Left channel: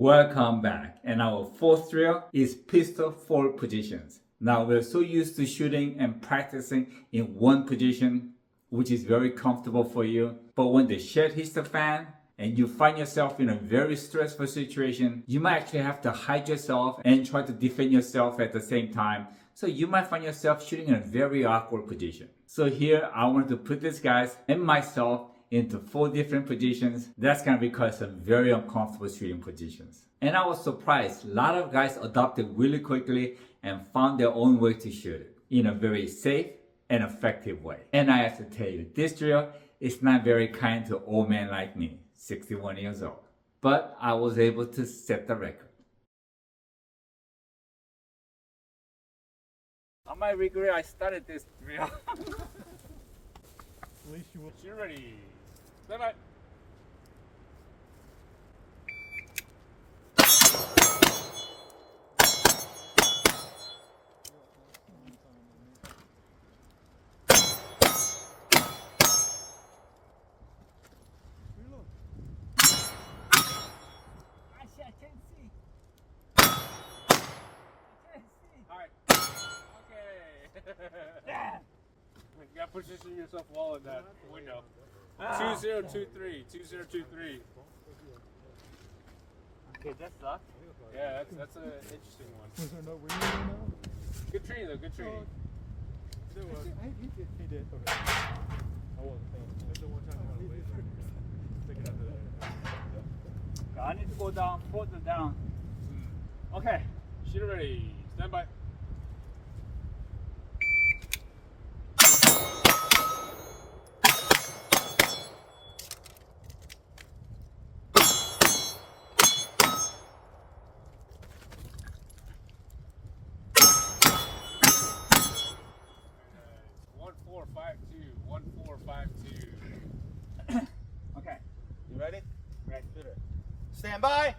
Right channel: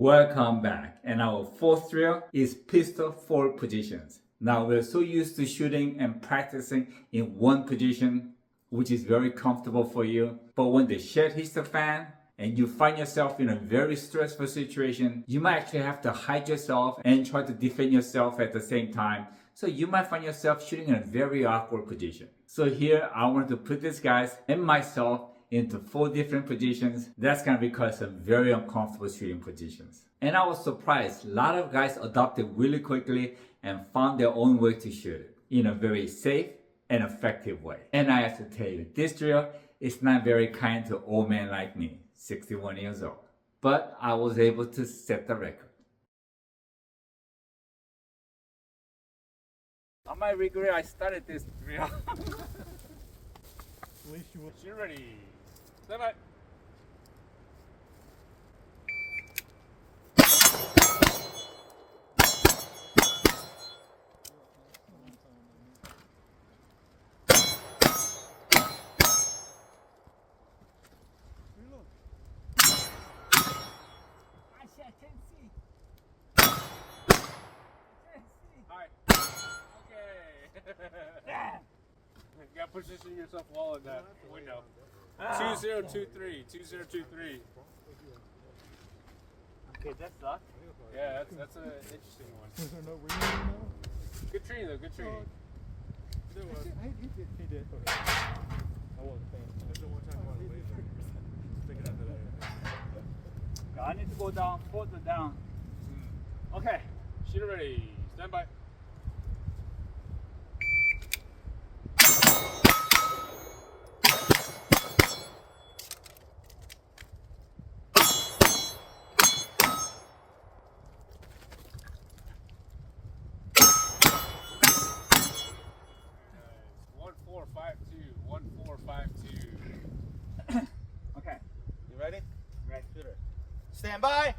Welcome back. And our fourth drill is pistol forward positions. Now we're so used to shooting and practicing in one position, which is very comfortable for you. But when the shit hits the fan and you find yourself in a very stressful situation, you might actually have to hide yourself and try to defend yourself at the same time. So you might find yourself shooting in a very awkward position. So here I want to put these guys and myself into 4 different positions. That's gonna be called some very uncomfortable shooting positions. And I was surprised, a lot of guys adopted really quickly and found their own way to shoot it in a very safe and effective way. And I have to tell you, this drill is not very kind to old men like me, 61 years old. But I was able to set the record. I might regret I started this drill. At least you will. You're ready. Stand by. I can't see. Hi. Okay. You gotta position yourself well in that window. 2023. 2023. Okay, that sucks. Yeah, that's an interesting one. Was there no reason now? Good training though. Good training. He did. Okay. I wasn't paying I need to go down, further down. Okay. Shooter ready. Stand by. One, 4, 5, 2. 1, 4, 5, 2. Okay. You ready? Ready. Stand by.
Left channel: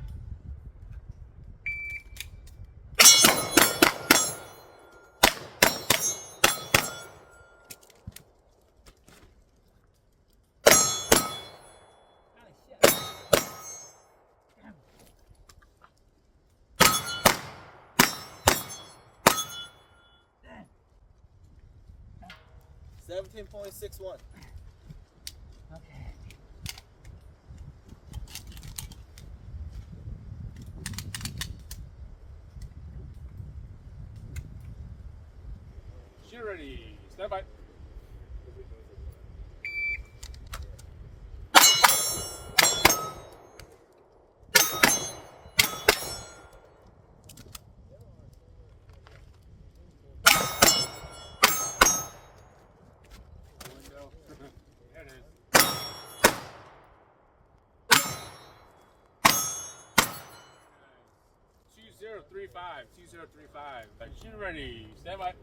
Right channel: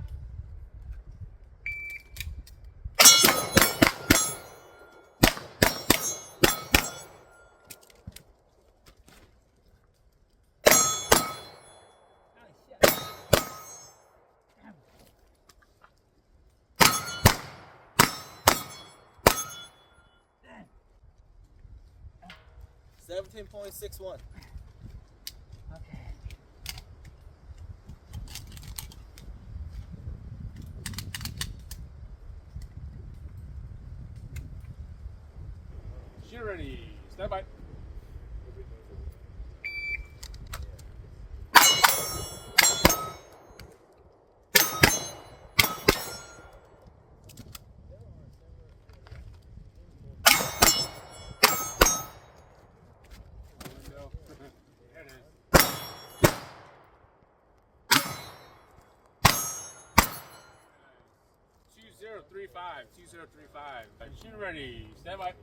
$17.61. Okay. Shooter ready. Stand by. There it is. 2035. 2035. Shooter ready. Stand by.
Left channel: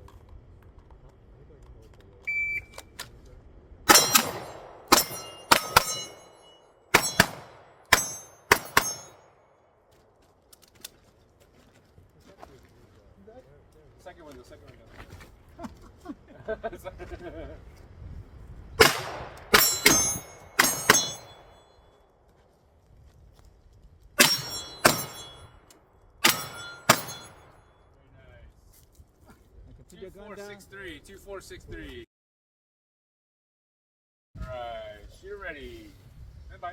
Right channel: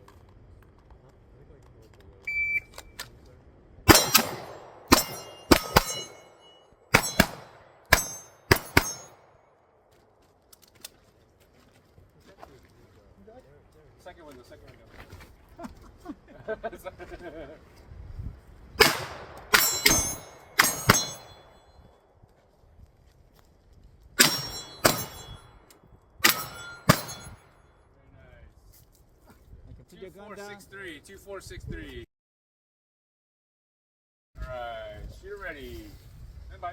Second window. Very nice. 2463. Alright, shooter ready. Stand by.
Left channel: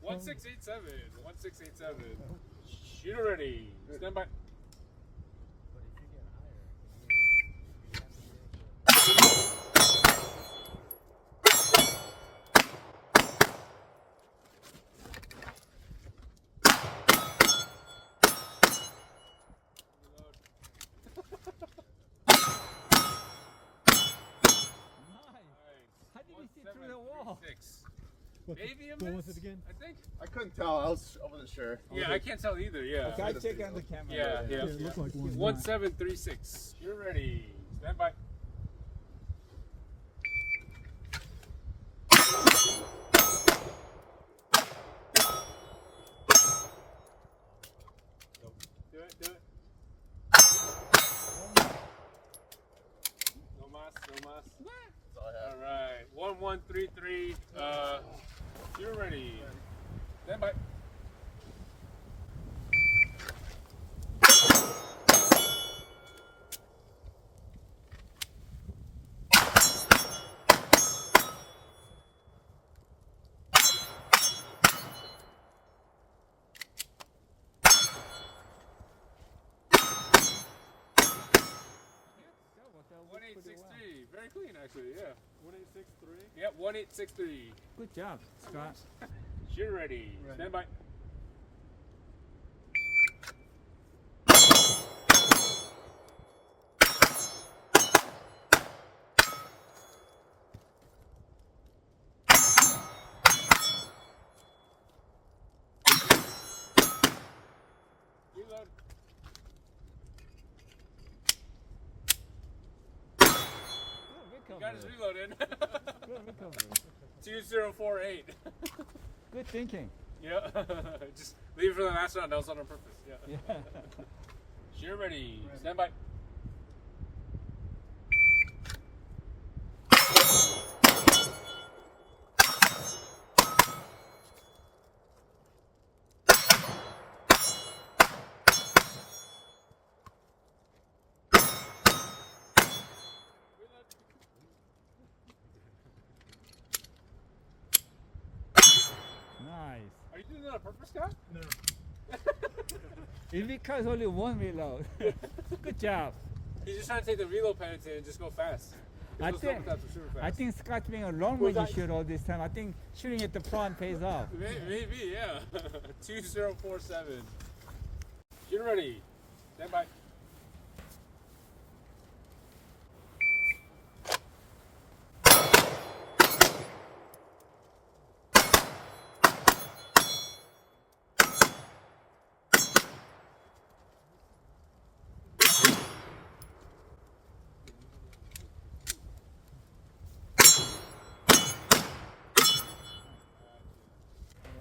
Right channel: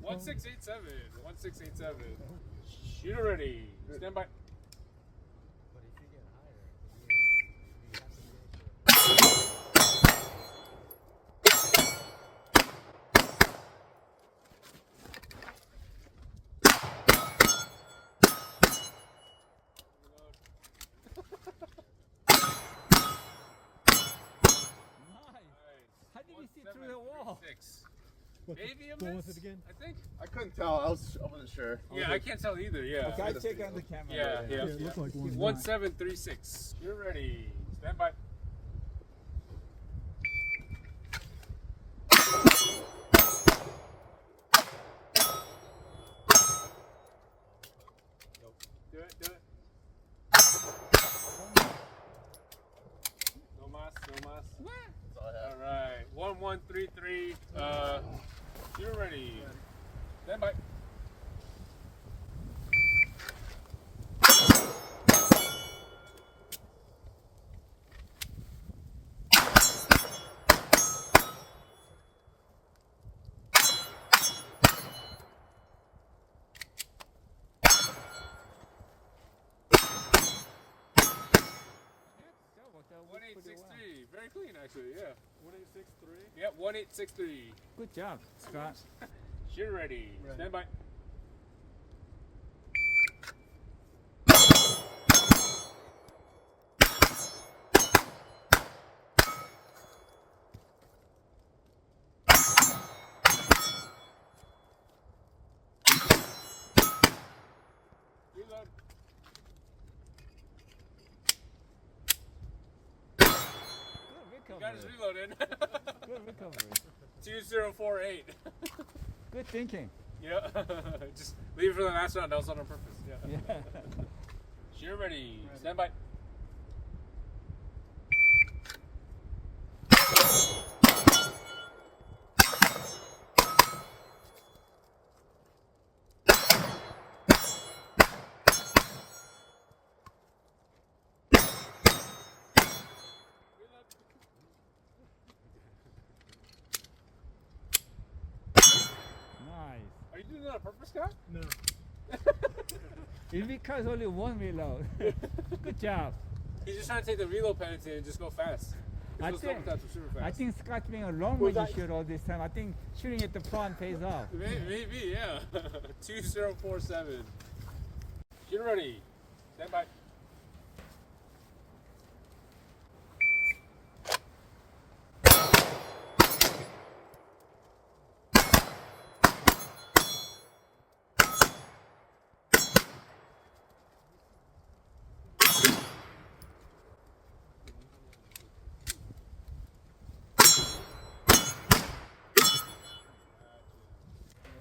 One 1687. Shooter ready. Stand by. How did you see through the wall? 1736. What, Maybe a go miss, with it again? I think. I couldn't tell. I wasn't sure. Yeah, I can't tell either. Yeah. Okay. I check on the camera. Yeah, later. yeah. It looked like one. 1736. You're ready. Stand by. 2-3. You're ready. Stand by. One 863. Very clean, actually. Yeah. 1863. Yeah. 1863. Good job, Scott. You're ready. Stand by. Reload. Good Got his recovery. reload in. Good recovery. 2048. Good thinking. Yeah. Just leave it for the last round. That was on purpose. Yeah. Yeah. You're ready. Stand by. Nice. Are you doing that on purpose, Scott? No. It because only one reload. Good job. He's just trying to take the reload penalty and just go fast. I Just go think- fast to shoot fast. I think Scott's being a long Was range that- shooter all this time. I think shooting at the front pays off. Maybe, yeah. 2047. Get ready. Stand by.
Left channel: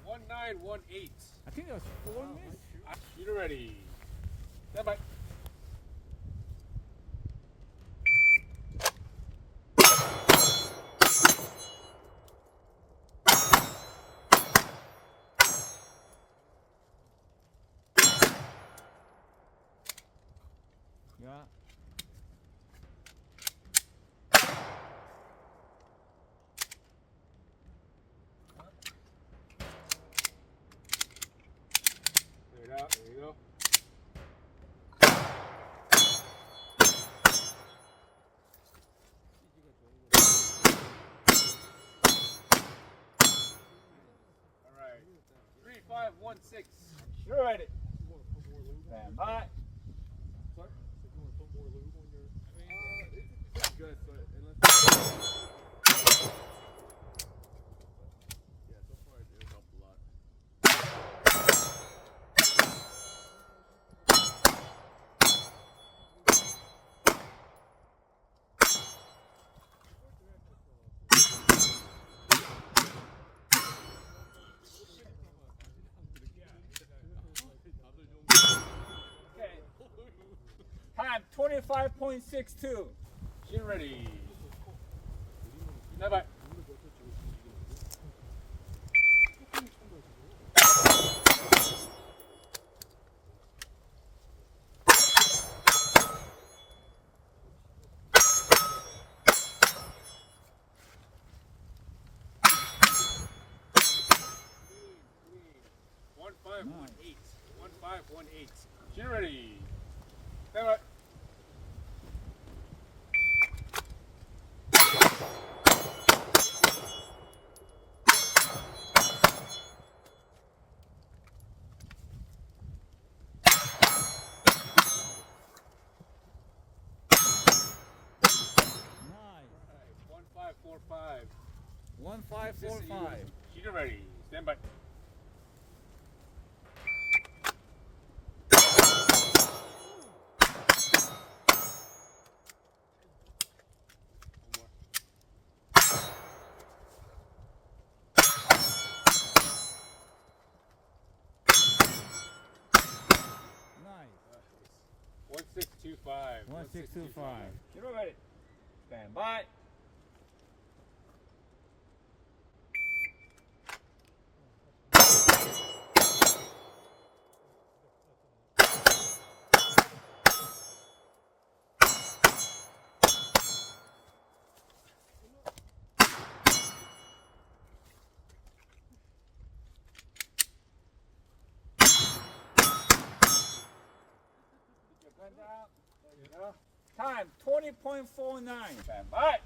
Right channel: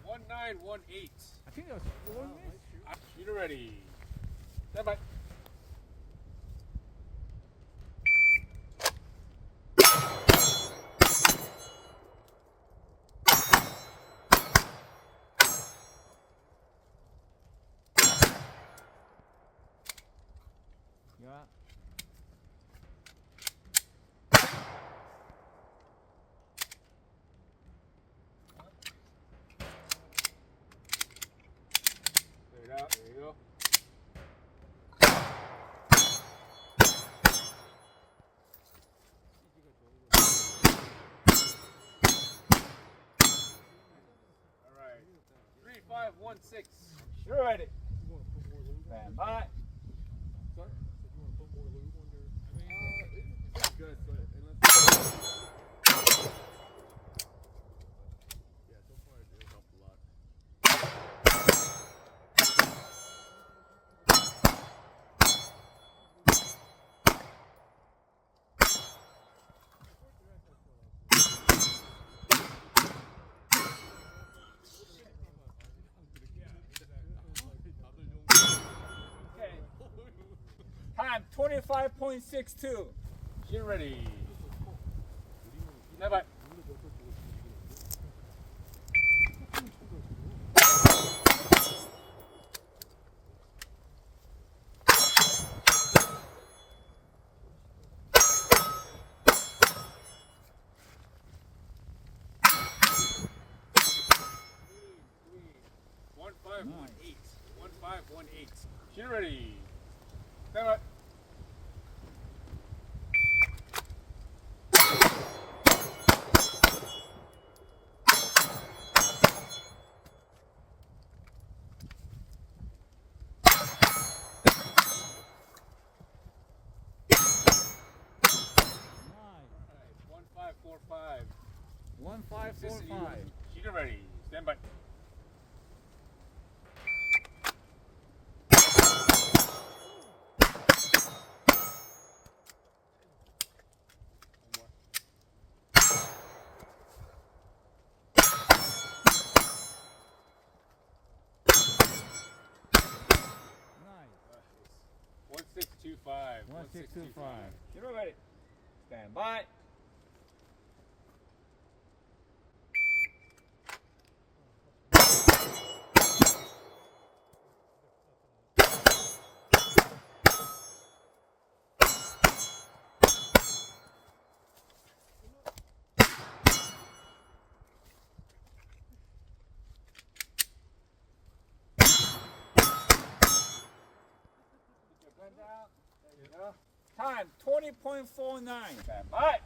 One 918. I think it was 4 minutes. Get ready. Stand by. Yeah. There it out. There you go. All right. 3516. You're ready. You want to put more lube on Stand your... by. Sorry? You want to put more lube on your... It's good, so unless... Yeah, so far it helped a lot. Okay. Time 25.62. Get ready. Stand by. One 518. 1518. Get ready. Stand by. Nice. 1545. 1545. Get ready. Stand by. Nice. 1625. 1625. Get ready. Stand by. Time 20.49. Stand by.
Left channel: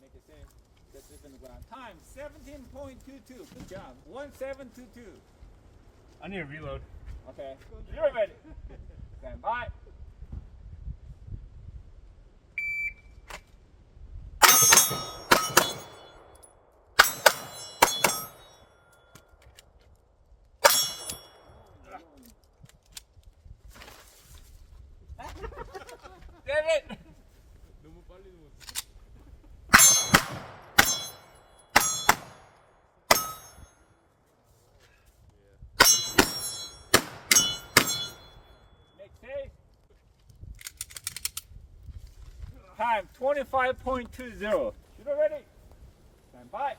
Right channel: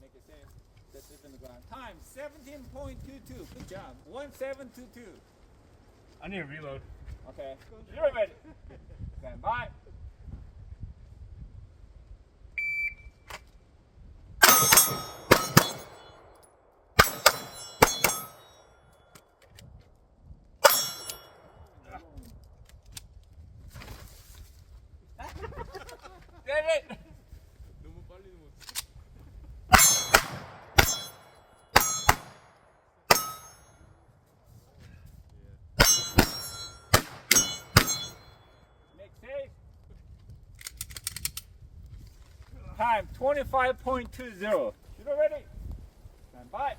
Make it safe. That's it on the ground. Time 17.22. Good job. 1722. I need a reload. Okay. You're ready. Stand by. Damn it! Make safe. Time 25.20. Shooter ready. Stand by.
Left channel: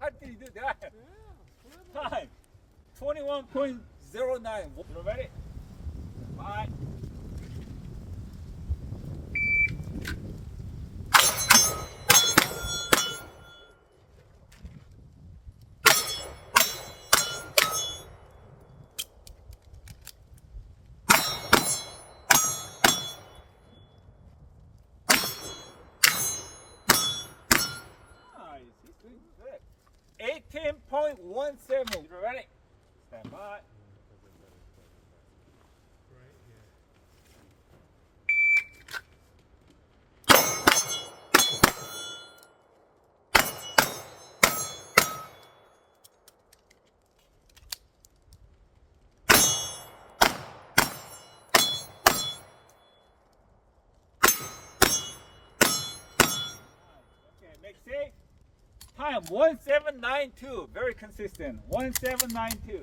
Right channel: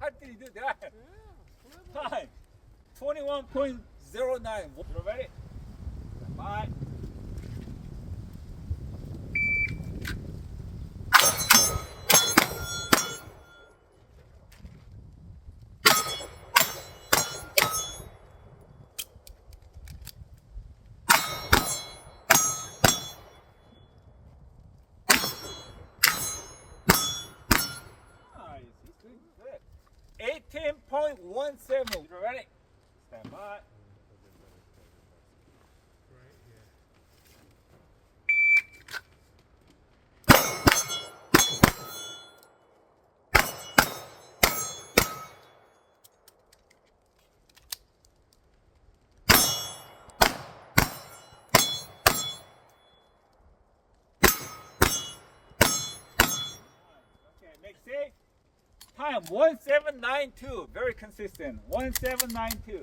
How did you do that? Time 21.09. Shooter ready. Stand by. Nice. He's doing good. 18.17. You ready? Stand by. Okay, make safe. Time 1792. Very consistent. 1792.